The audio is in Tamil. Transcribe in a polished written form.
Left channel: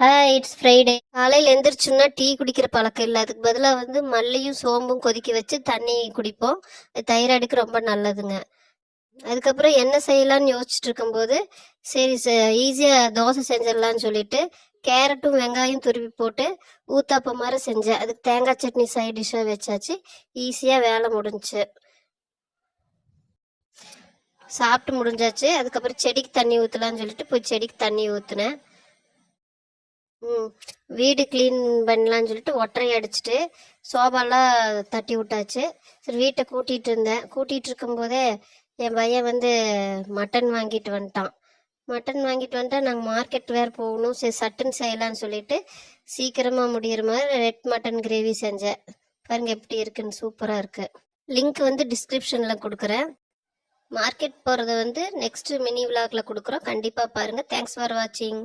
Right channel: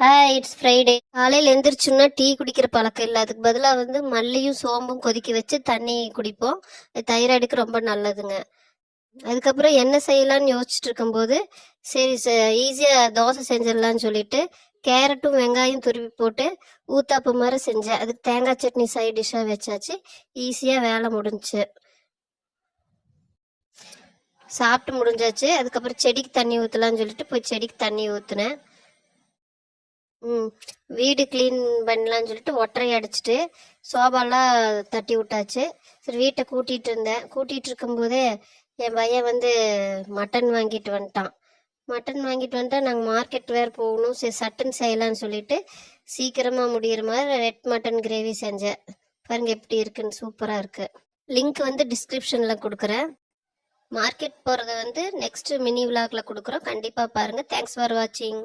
Hi, it's Friday. காலையில் எந்திரிச்சோன்னா டீ குடிக்கிற பழக்கம் இல்லை. அதுக்கு பதிலாக மல்லியும் சோம்பும் கொதிக்க வச்சு தண்ணி குடிப்போம். தைராய்டுக்கு ரொம்ப நல்லதுங்க. அதுக்கப்புறம் என்ன செய்யலாம்னு யோசிச்சுட்டு இருக்கும்போது சரி ஈஸியாக தோசை செஞ்சிடலான்னு சொல்லிட்டு கேரட்டும் வெங்காயம் துருவி போட்டு ஊத்தாப்பம் மாதிரி செஞ்சேன். அதுக்கு தேங்காய் சட்னி சைட் டிஷ்ஷாக வச்சாச்சு. ஈஸியாக வேலை முடிஞ்சுச்சு. சாப்பிட்டு முடிஞ்சாச்சு. அதுக்கப்புறம் செடிக்கு தண்ணி ஊற்றலான்னு சொல்லிட்டு போய் செடிக்கு தண்ணி ஊற்றுனேன். வீடு க்ளீன் பண்ணலான்னு சொல்லிட்டு ஒட்டரை அடிச்சுட்டு சோபாலாம் தட்டி விட்டாச்சு. சரி வீட்டை கூட்டிகிட்டு இருக்கும்போதே என் பையன் மட்டன் வாங்கிட்டு வந்துட்டான். நாங்கள் மார்க்கெட் வேறு போகணும். சரி சட்டுன்னு செய்யலான்னு சொல்லிட்டு சீக்கிரமாக முடிகிற மாதிரி ரெட் மட்டன் கிரேவி செஞ்சேன். பாருங்க எப்படி இருக்குன்னு, சூப்பராக இருக்குது. லிங்க் டிஸ்கிரிப்ஷனில் கொடுக்குறேன். மார்க்கெட் போகிறத நெக்ஸ்ட் மினி விலாகில் கொடுக்குறோம். கண்டிப்பாக பாருங்கள். தேங்க்ஸ் ஃபார் வாட்சிங்.